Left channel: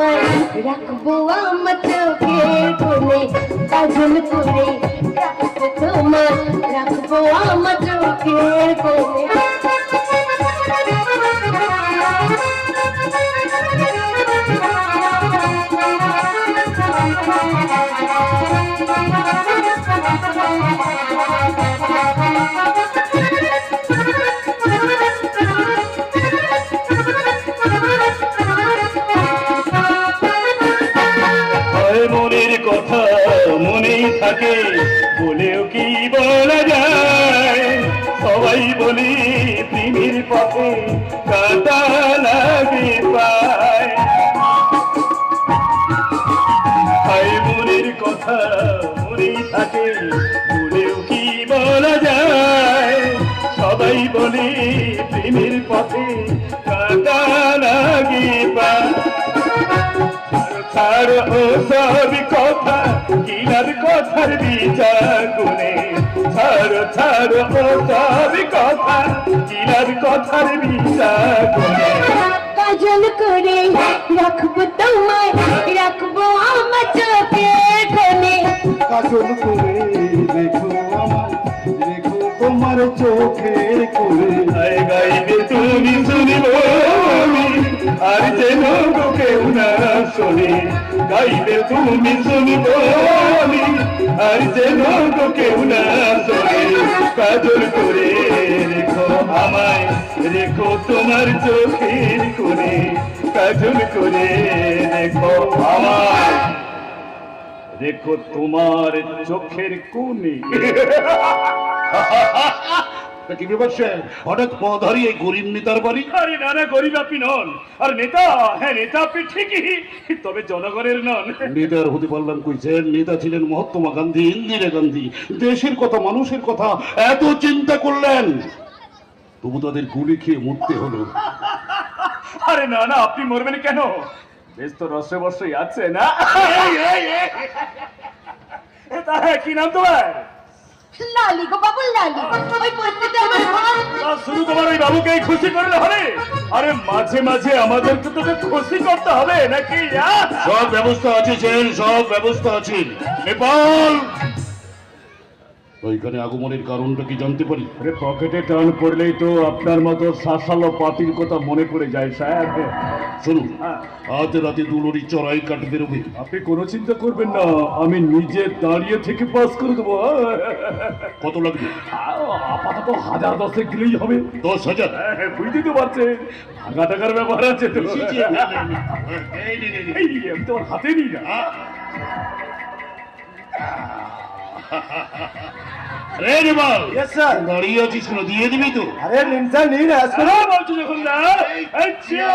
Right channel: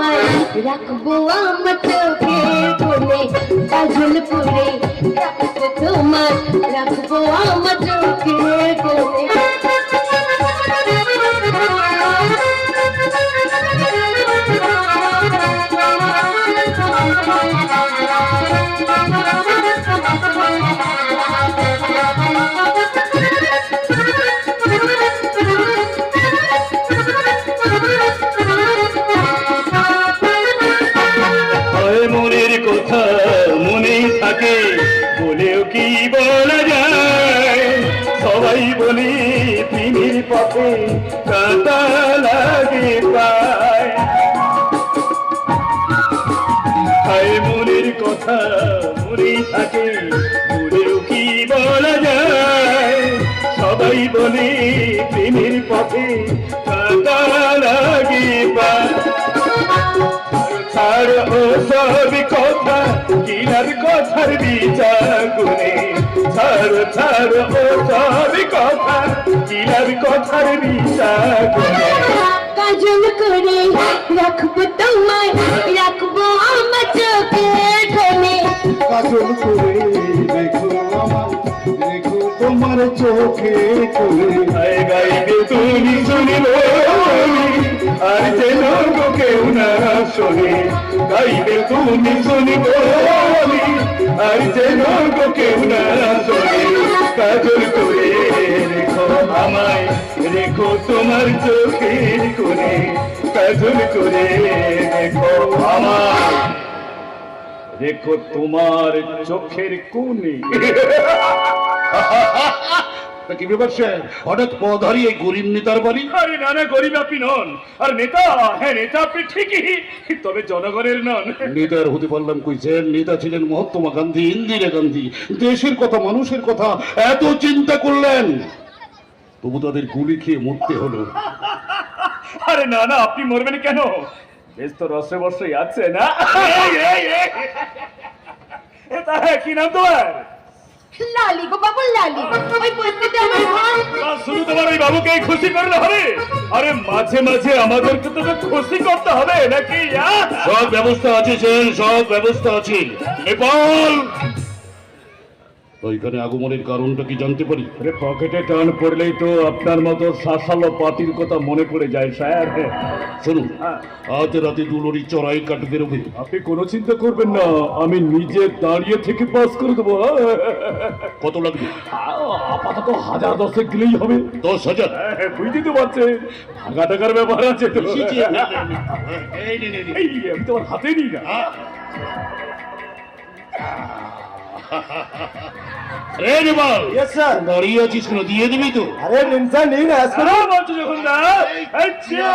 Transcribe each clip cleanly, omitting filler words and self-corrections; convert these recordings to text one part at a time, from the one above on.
তোমায় রাখবো আমার চোখের কোণে, কাজল করে রাখবো তোমায়, রাখবো আমার চোখের কোণে। মনের কথা মনেই থাকে, বলেও কি বলা যায়, সবাই বলি প্রেমের পথে কাঁটা লাগে পায়। হায় মনের কথা মনেই থাকে, বলেও কি বলা যায়, সবাই বলি প্রেমের পথে কাঁটা লাগে পায়। ছাড়ো ও সব কথা, কিলার কথার বিচার করে, ছাড়ো ছাড়ো ও সব কথা, কিলার কথার বিচার করে। কাজল করে রাখবো তোমায়, রাখবো আমার চোখের কোণে, কাজল করে রেখো আমার, রেখো তোমার চোখে কোণে। হায় গাইবে তুমি শুনিব আর যেন কেউ না শোনে, গাইবে তুমি শুনিব আর যেন কেউ না শোনে। কাজল করে রেখো আমায়, রেখো তোমার চোখের কোণে, কাজল করে রেখো আমায়, রেখো তোমার চোখের কোণে। কি ব্যাপার স্যার, হঠাৎ পথ হারিয়ে গরিব নেতার বাড়ি? আরে না না, গরিব আপনি নন, আর নেতা, হ্যাঁ নেতা আপনি ঠিকই, তবে জনগণের নন। নেতার হতে পারলাম কই স্যার, নেতা ছিলেন মহাত্মা গান্ধী, ইন্দিরা গান্ধী, দেশের কথা মানুষের কথা এত চিন্তা করলেন, তবু তাদের গুলি খেয়ে মরতে হলো। আরে না না, আপনি মরবেন কেন, বেশ তো রসে বসেই আছে না। কি নাম তোমার? লালি গো বাবু লালি, ওই বসতে আমার ভাই। শুধু তোমার ওই বাবুকে খুশি করলে হবে? আরে মাঝে মাঝে আমাদেরকে তো খুশি করতে হবে নাকি? সব ব্যবস্থা আছে স্যার, সব ব্যবস্থা আছে। নেপাল, ওইখানে আগমনের কারণটা কি জানতে পারি? আরে পকেটে টান পড়লেই তো আপনার মতো শাসালো পার্টির কথা মনে পড়ে যায় স্যার। শুনুন, আজ রাতে দুলরি চড়াই কাট বেরোবে। আপনি কোনো চিন্তা করবেন না, আমি নিজে দাঁড়িয়ে থেকে পাস করে দেবো। কত লাগবে? আপাতত 1000-10 গেলেই হবে। 10,000? বুঝতে তো পারছেন, ভাগা টাকার ব্যাপার আছে তো। এই আমি তোমার হাতে নিই না। রে নেপাল, দাঁড়িয়ে আছিস কেন, দিয়ে দিবি তো? আরে টেনশন নেই না, বলছো যখন না। আচ্ছা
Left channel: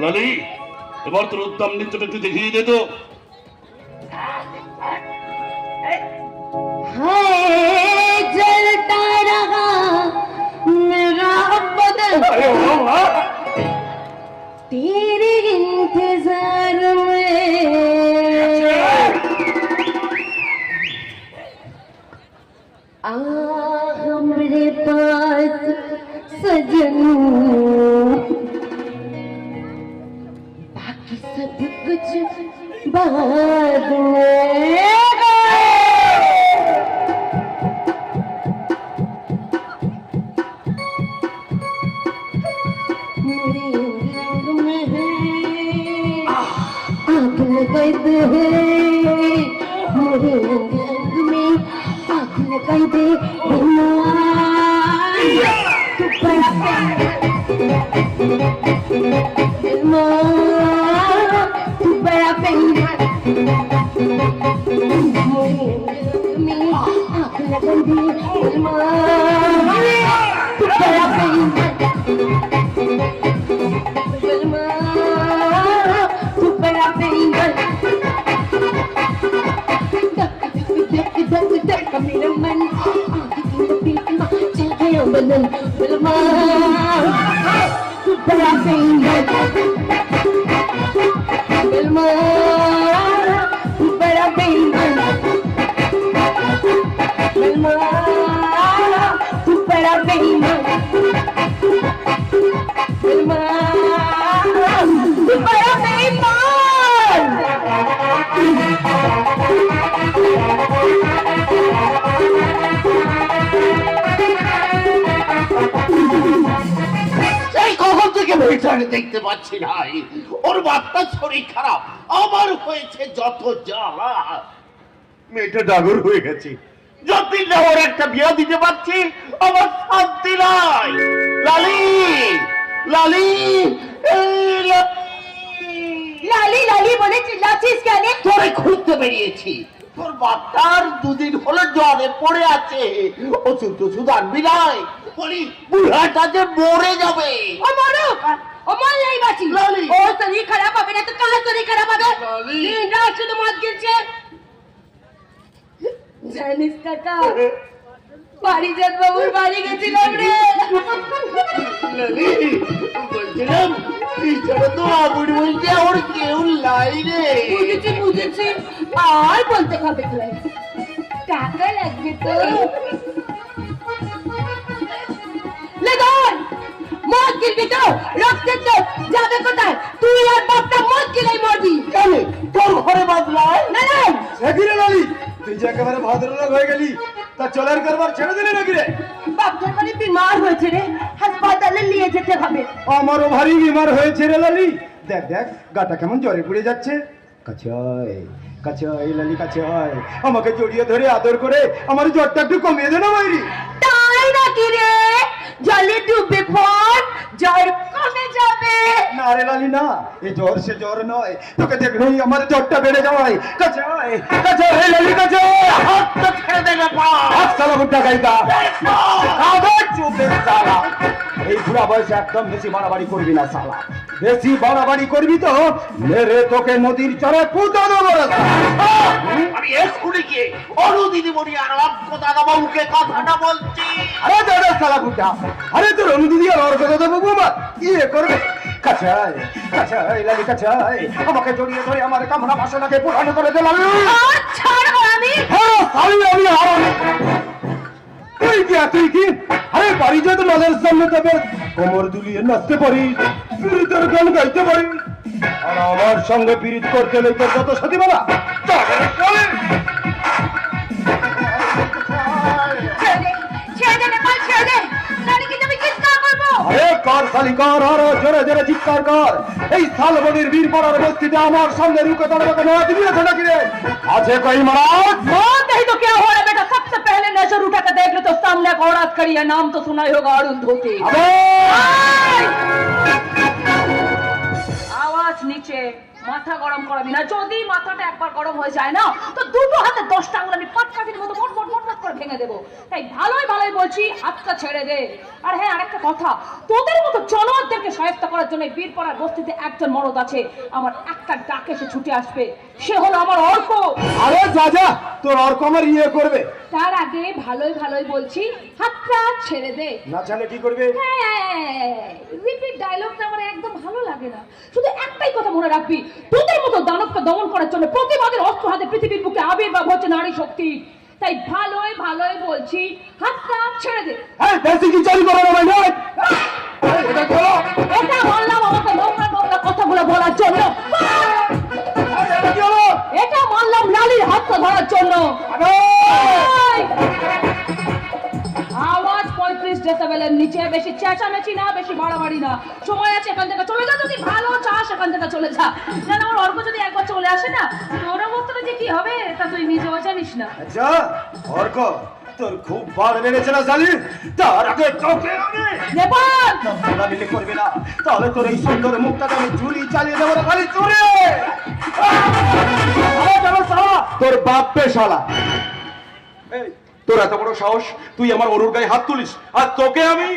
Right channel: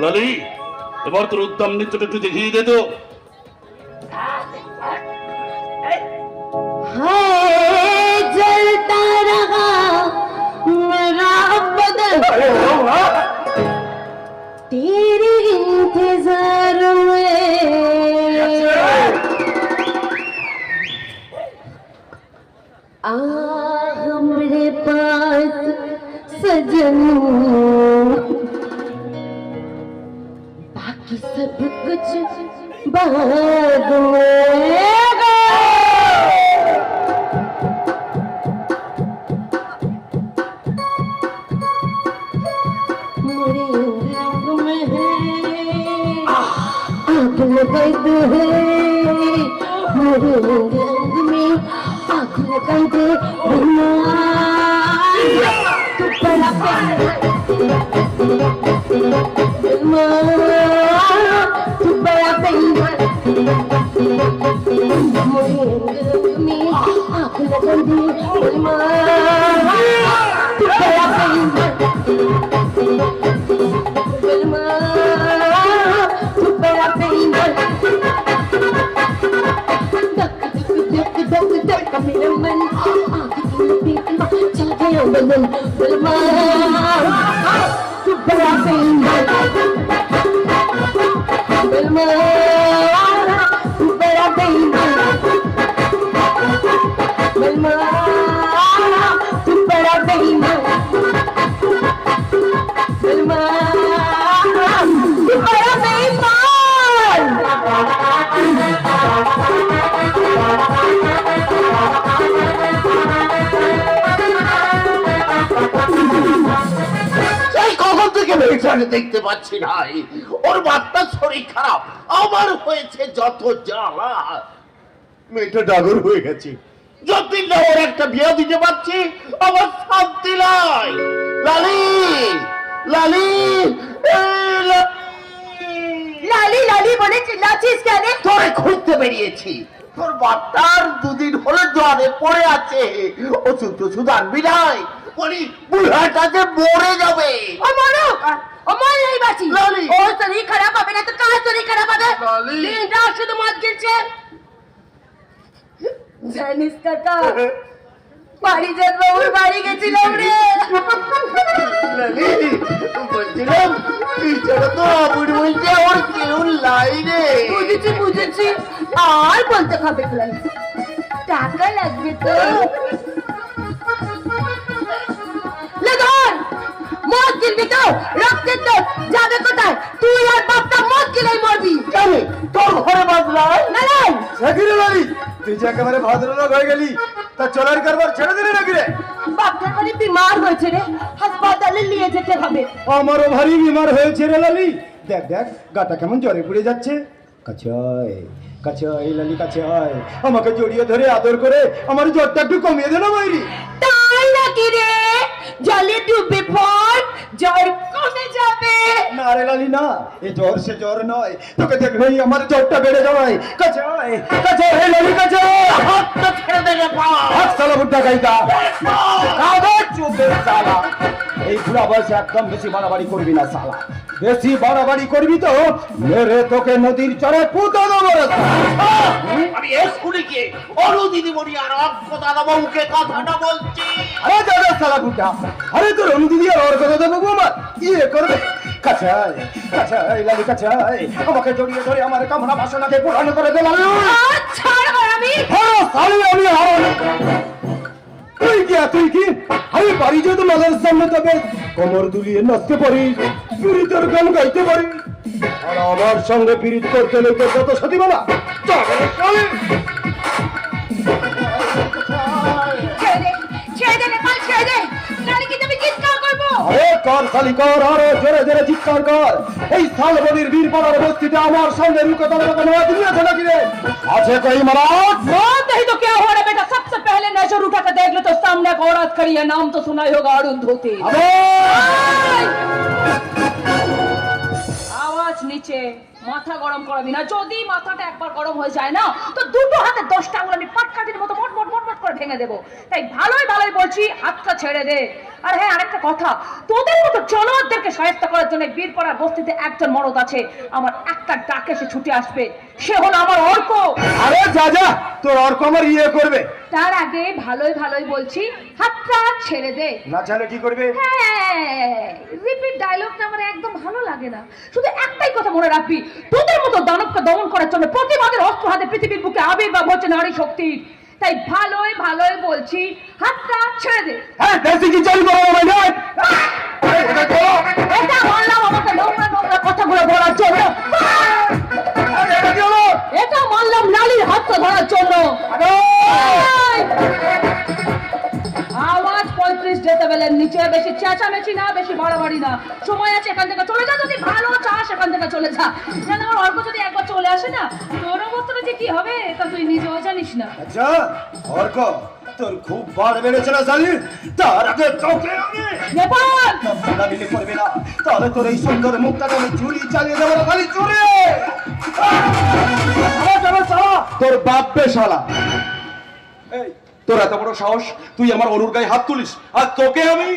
লালি, এবার তোর উদ্দাম নৃত্যটা একটু দেখিয়ে দে তো। है जलता रहा मेरा बदन तेरे इंतजार में, आ हमरे पास सजन, बाकी सब कुछ बाद में। लगाई दे मेरे रंग में आँख लगाई दे तू बड़ा मेरे रंग में आँख लगाई दे तू बड़ा मेरा मन चल गया बदन बलमा तू बड़ा बलमा तू बड़ा बलमा तू बड़ा बलमा तू बड़ा আমি দেখতে পাচ্ছি নাই। ওর বাচ্চার শরীর খারাপ, আমার হয়েছে যত জ্বালা। মেয়েটা ডাগর হয়ে গেছে, যতদিন না ওর একটা বিয়ে দিতে পারছি আমার শান্তি নাই। লালি, লালি, এই লালি লালি বলে চিল্লাচ্ছিস কেন? তোরে খুঁজতে বেরিয়েছি। তোর বাচ্চার দুদিন হলে জ্বরে পড়ে আছে, ওষুধ টষুধ আনবি নাই? বলি বুড়াটাতে মরে যাবে। ও মারো, ও মারলেই বাঁচি। লালি। ও শরীর খারাপ হবে না তো কার শরীর খারাপ হবে? লালি। দিনটা শুধু মদ গিলছে। জানিস কাকা, পারিজাত বাবুর বাড়ি গেছিলাম রে। লালি, বলছিলাম পিছনে তো আবুর বলছে ওর কেউ লাই রে। বুঝেছি বুঝেছি, আর বলতে হবে না। টাকা লাগবে তো। লে ধর, মদ গিলবি তো? রক্তের তো যাবে কোথায়? তুই আর বাপটা মদ গিলাই মরবি। জানি তোর ঘরে বাজলায় না না, নাকি রে লালি, তুই যে একেবারে ভদ্রলোক হয়ে গেলি, তা চলার কারবার ছেড়ে দিলে নাকি রে? বাপটার বাড়ি বিমার হয়েছে রে, হাসপাতালে নিয়ে যেতে হবে। আমারও ভারী বিমার হয়েছে রে লালি। দেখ দেখ গাটা কেমন জ্বরে পুড়ে যাচ্ছে। কাছে আয়, কাছে আয় লালি, কাছে আয়, আমাকে জড়িয়ে ধরে আদর করে আমার জ্বরটা একটু কমিয়ে দে না মাইরি। তাই নাকি রে? জলে ডুবে পড়, জ্বর কমে যাবে। না রে লালি না, এ জ্বর সে জ্বর নয়, তোকে দেখলেই আমার জ্বরটা বেড়ে যাওয়াই। কাছে আয়, কাছে আয় লালি, কাছে আয়। হাত তো ছেড়ে দে না পা। হাত সালা বুদ্ধা গাইতা আবার চুপে সালা। এই বুড়া বয়সে একদম বেশি বাড়াবাড়ি করবি না সালা। বেশি বাড়াবাড়ি করবি তো মেরে তোকে নদীর চরে পুঁতো দেবো রে সালা। আমি স্কুলে গিয়ে অরু দিদিমণি আর অক্ষ দাদা বাবুকে কথাটা বলছি। আরে দাদা সালা বুদ্ধা, আরে তোর অনুদিদি আর ওর কথা দেবো বৌমা ইয়ে করবে। কাছে আয়, কাছে আয় লালি, কাছে আয়, আমাকে জড়িয়ে ধরে আমার কামনা বাসনাকে পুরানো করে দিলাম। আর ছাড়বো আমি। হ্যাঁ সালি আমি হারামি। তুই কি তুই কি আরে বাড়ি যেতে নজর সামনে তবে কোমর দুলিয়ে নাচতে পারিস, পীড়িতের গান গাইতে পারিস, আর আমার সঙ্গে পীড়িত করতে হলে তোর যত সাথী বলা ছেড়ে দে, ছেড়ে দে নেপাল, ছেড়ে দে, নাহলে কিন্তু আমি চিৎকার করবো। আরে কর সালি কর, আরো জোরে জোরে চিৎকার কর। এই শালবনির বীর পাড়ার বস্তিতে আমার সঙ্গে রুকে দাঁড়াবে না দুনিয়াতে নাকি রে? আছে কই মহারাজ? मौत नहीं तो क्या हो रहा है बेटा? सबसे पहले नजर उठा कर देख लो तो सामने एक औरत खड़ी है, नाम तो सुना ही होगा, अरुंधति। आवाज नीचे, মাথা গরম করবি না। যদি মাথাটা একবার গরম হয়ে যায় না তো দুটো হাতে 10টা আঙুল আমি পাটকাঠির মতো মোট মোট মোট মোট করে ভেঙে দেবো। তাই ভালোই ভালোই বলছি, হাতটা ছেড়ে দে। আর হ্যাঁ, আরেকটা কথা, তোদের মতো জনদেরকে সাহায্য করার জন্য বীরপাড়ার বস্তিতে একজন মরদ আছে, আমার একটা ডাকে সে ছুটে আসবে, সে হলো আমার অর্ক। আরে যা যা, তোর অর্ক আমার ইয়ে করবে। তার আগে ভালোই ভালোই বলছি, হাতটা ছেড়ে দে। না চালে কি করবে? হ্যাঁ, রিপিট ডায়লগটা আমার একদম ভালো লাগে না। শুধু একটাই কথা মনে রাখবি, তোদের মতো দানবকে দমন করার জন্য প্রতিবাদের অস্ত্র হাতে পৃথিবীর বুকে আবির্ভাব হচ্ছে নারী শক্তি। তাই ভালোই ভালোই বলছি, হাতটা ছেড়ে দে। হ্যাঁ বেশি কি চালু করবো না। এটা বললাম আমাকে নোংরা নোংরা কথাগুলো বলার জন্য। এটা বললাম নারীর হাতটা ধরার জন্য। আওয়াজ 35 ডেসিবেলের নিচে, বেশি চেঁচামেচি না, বেশি বাড়াবাড়ি না। সময় আছে, এখান থেকে চলে যা। যদি ভালো চাস এখান থেকে চলে যা। যেন আমার অর্ক যদি একবার চলে আসে না, তোর অবস্থাটা যে কি হবে তা তুই নিজেও জানিস না। আচ্ছা অর্ক, তোর খুব বার বেড়েছে না জানি? তার আগে তোকে আমি নেপাল, মিলে করবে না, তাহলে তোর এই সুন্দর মুখটা আমি ঝুলি চালিয়ে দেবো না খালি চুরে। তোর বাপ পে শালা। এই তোর এত বড় সাহস, তুই আমার অরুর গায়ে হাত তুলিস, আর তোকে আমি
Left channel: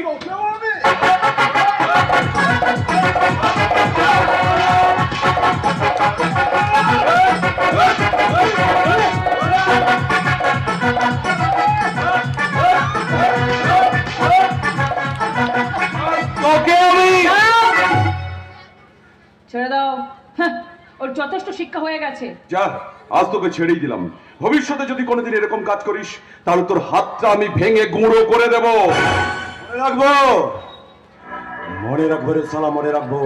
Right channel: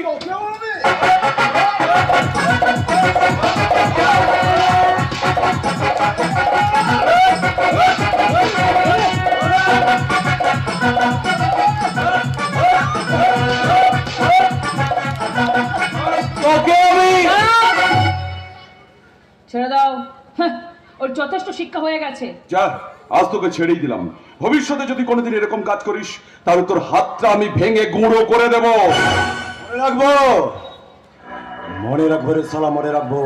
তোকে আমি ছেড়ে দাও। হ্যাঁ, ওর যথেষ্ট শিক্ষা হয়ে গেছে। যা, আজ তোকে ছেড়েই দিলাম। ভবিষ্যতে যদি কোনোদিন এরকম কাজ করিস তাহলে তোর হাতটা আমি ভেঙে গুঁড়ো করে দেব। মনে রাখবো, মনে রাখবো রে শালা, মনে রাখবো।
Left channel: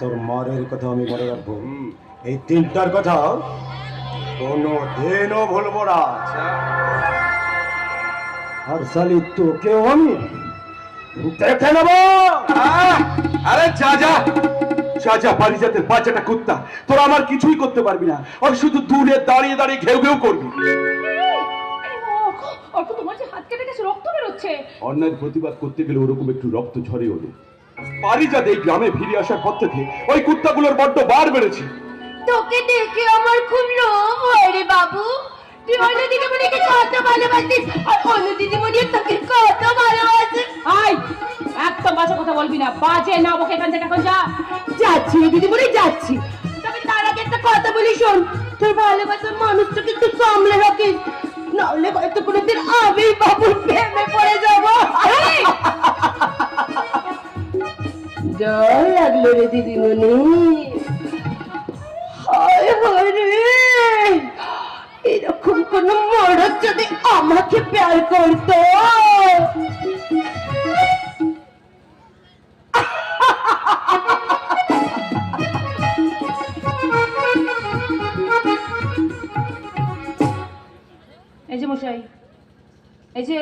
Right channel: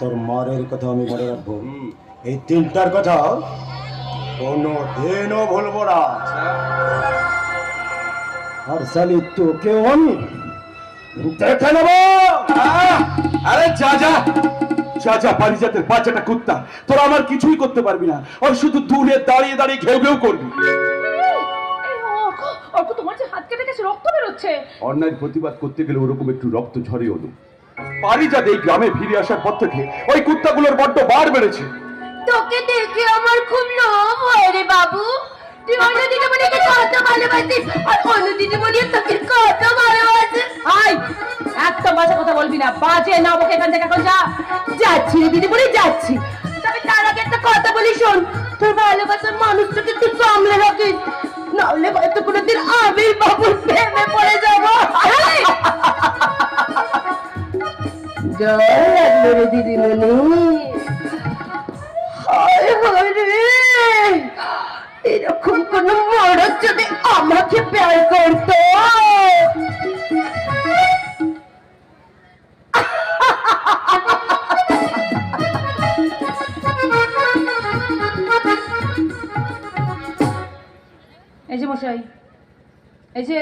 তোর মারের কথা আমি মনে রাখবো, এই তিনটার কথা কোনো দিনও ভুলবো না। আর শালি তোকেও আমি দেখে নেবো। আরে যা যা যা যা, পারিজাতের বাচ্চাটা কুত্তা, তোরা আমার কিছুই করতে পারবি না। আর শুধু দূরে দাঁড়িয়ে দাঁড়িয়ে ঘেউ ঘেউ করবি। অর্ক, তোমার যে হাত কেটে গেছে, রক্ত বেরোচ্ছে। অন্যায় প্রতিবাদ করতে গেলে ওরকম একটু রক্ত ঝরে হলো। পারিজাত এই গ্রামে ফিরে আসার পর থেকে ওই কুত্তাগুলোর বড্ড বার বেড়েছে। তোকে দেখে আমার খুব লোভ হয় রে বাবু। তুই অন্য দিদিমণিকে কত ভালোবাসিস, আর অন্য দিদিমণির তোকে কত ভালোবাসে। আই, একটা বাজে কথা বলবি না, বাজে না বকে এখান থেকে এখন যা। যাচ্ছি রে দিদিমণি, যাচ্ছি। তবে তার আগে একটা কথা বলি, শোন। তোর ভালোবাসার মানুষটাকে একটু সামলে রাখিস, নাহলে হয়তো কোনোদিন আমি বাবুর প্রেমে পড়ে যাবো। জয় লাগলো রে দিদিমণি। হায় হায় রে, এরকম কোন মরদ যদি আমাকে প্যার করতো। এই যে মশাই, এই যে